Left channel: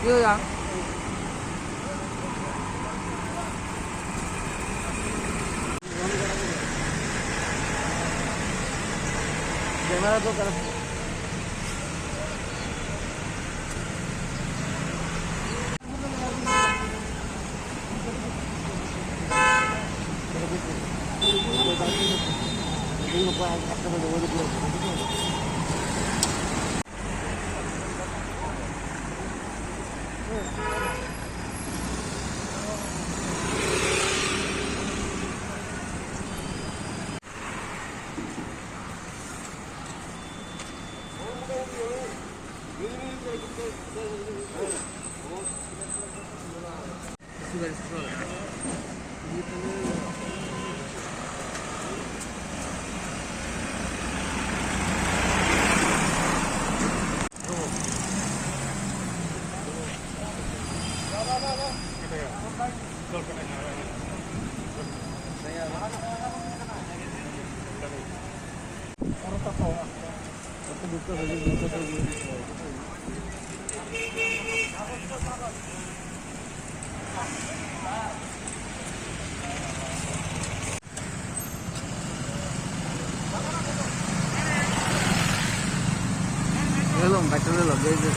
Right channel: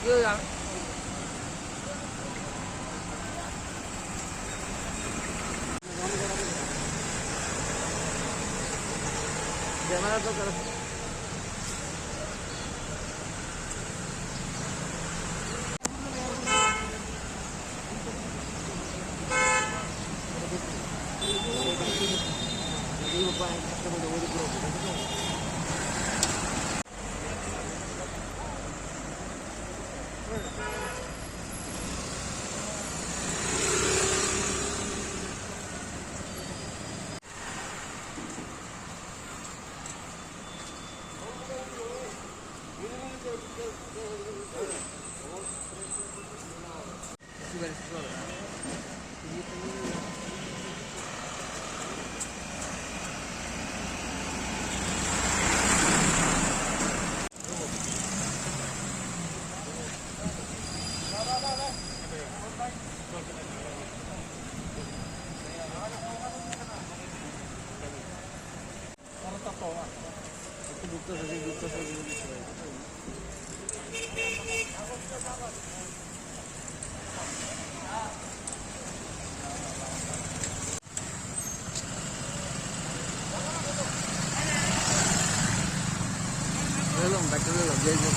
Iya. Belum, kata dulu, gue.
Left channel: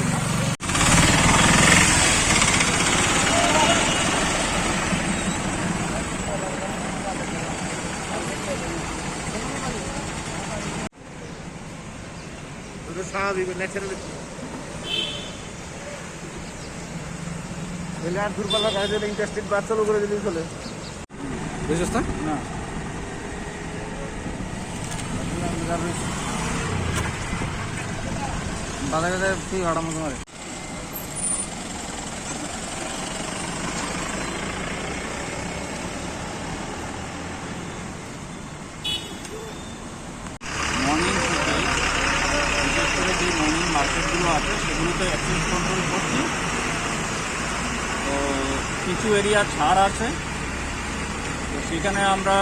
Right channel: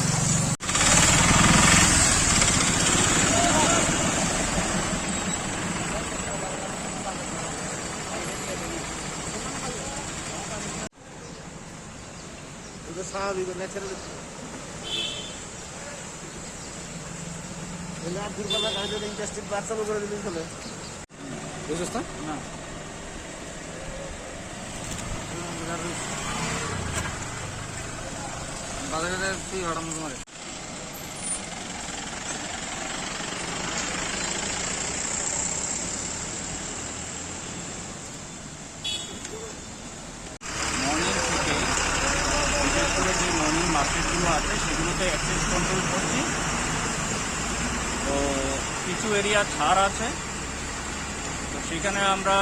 Itu স্বাভাবিক natural এলে আর দুর্বল গাড়ি ইন্টারেস্টেড বাস চালু করে দিলেই চলে বুঝছিস না বাজারে তুই হঠাৎ করে যে মর্নিং মার্কেটগুলো আছে সেগুলোতে অ্যাক্সেস কন্ট্রোল করছি। তো কিছু এরিয়া ছাড় আছে, তো সেখানে আমরা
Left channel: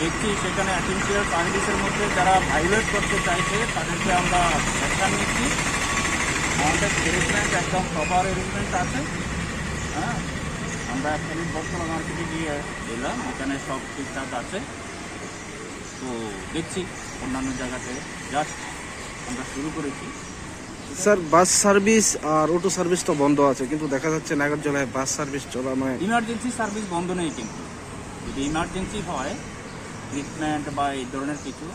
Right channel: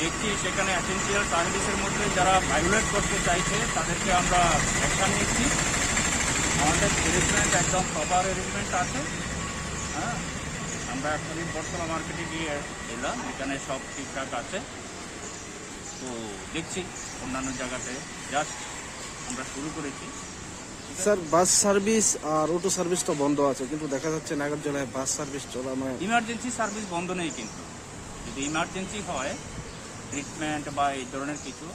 দেখছি সেখানে এসেন্সিয়াল সার্ভিসের মধ্যে যারা ভায়োলেট করতে চাইছে তাদেরকে আমরা অ্যাকশন নিচ্ছি। আমাদের অ্যারেঞ্জমেন্ট একদম প্রপার অ্যারেঞ্জমেন্ট আছে। হ্যাঁ, আমরা অ্যাকচুয়ালি বর্তমান মার্কেটে গিয়ে এলাম, এখানে সব ঠিকঠাক আছে। তো দেখছি অন্যান্য জায়গাতে জাস্ট আমরা শুরু করেছি। স্যার বাস সার্ভিস আর অটো সার্ভিস তো বন্ধ আছে, কিন্তু দেখা যাচ্ছে নাগরজোলায় বাস সার্ভিস চলা মানে ইমার্জেন্সি সার্ভিস বন্ধ নেই, কিন্তু যদি ইমার্জেন্সি হয় ট্রিটমেন্ট বা এই ধরনের কিছু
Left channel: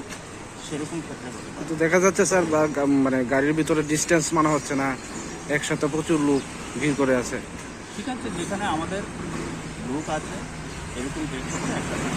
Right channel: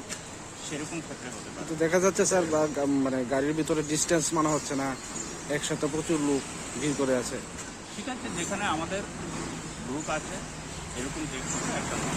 সেরকম ক্ষেত্রে হতে পারে। কিন্তু দেখা যাচ্ছে স্যার মানে গাড়ির ভিতরে ডিস্টেন্স মানা হচ্ছে না, একসাথে প্রচুর লোক ভিড় করে আছে। ঠিক আছে, যেখানে আমাদের লোক আছে এরকম একসাথে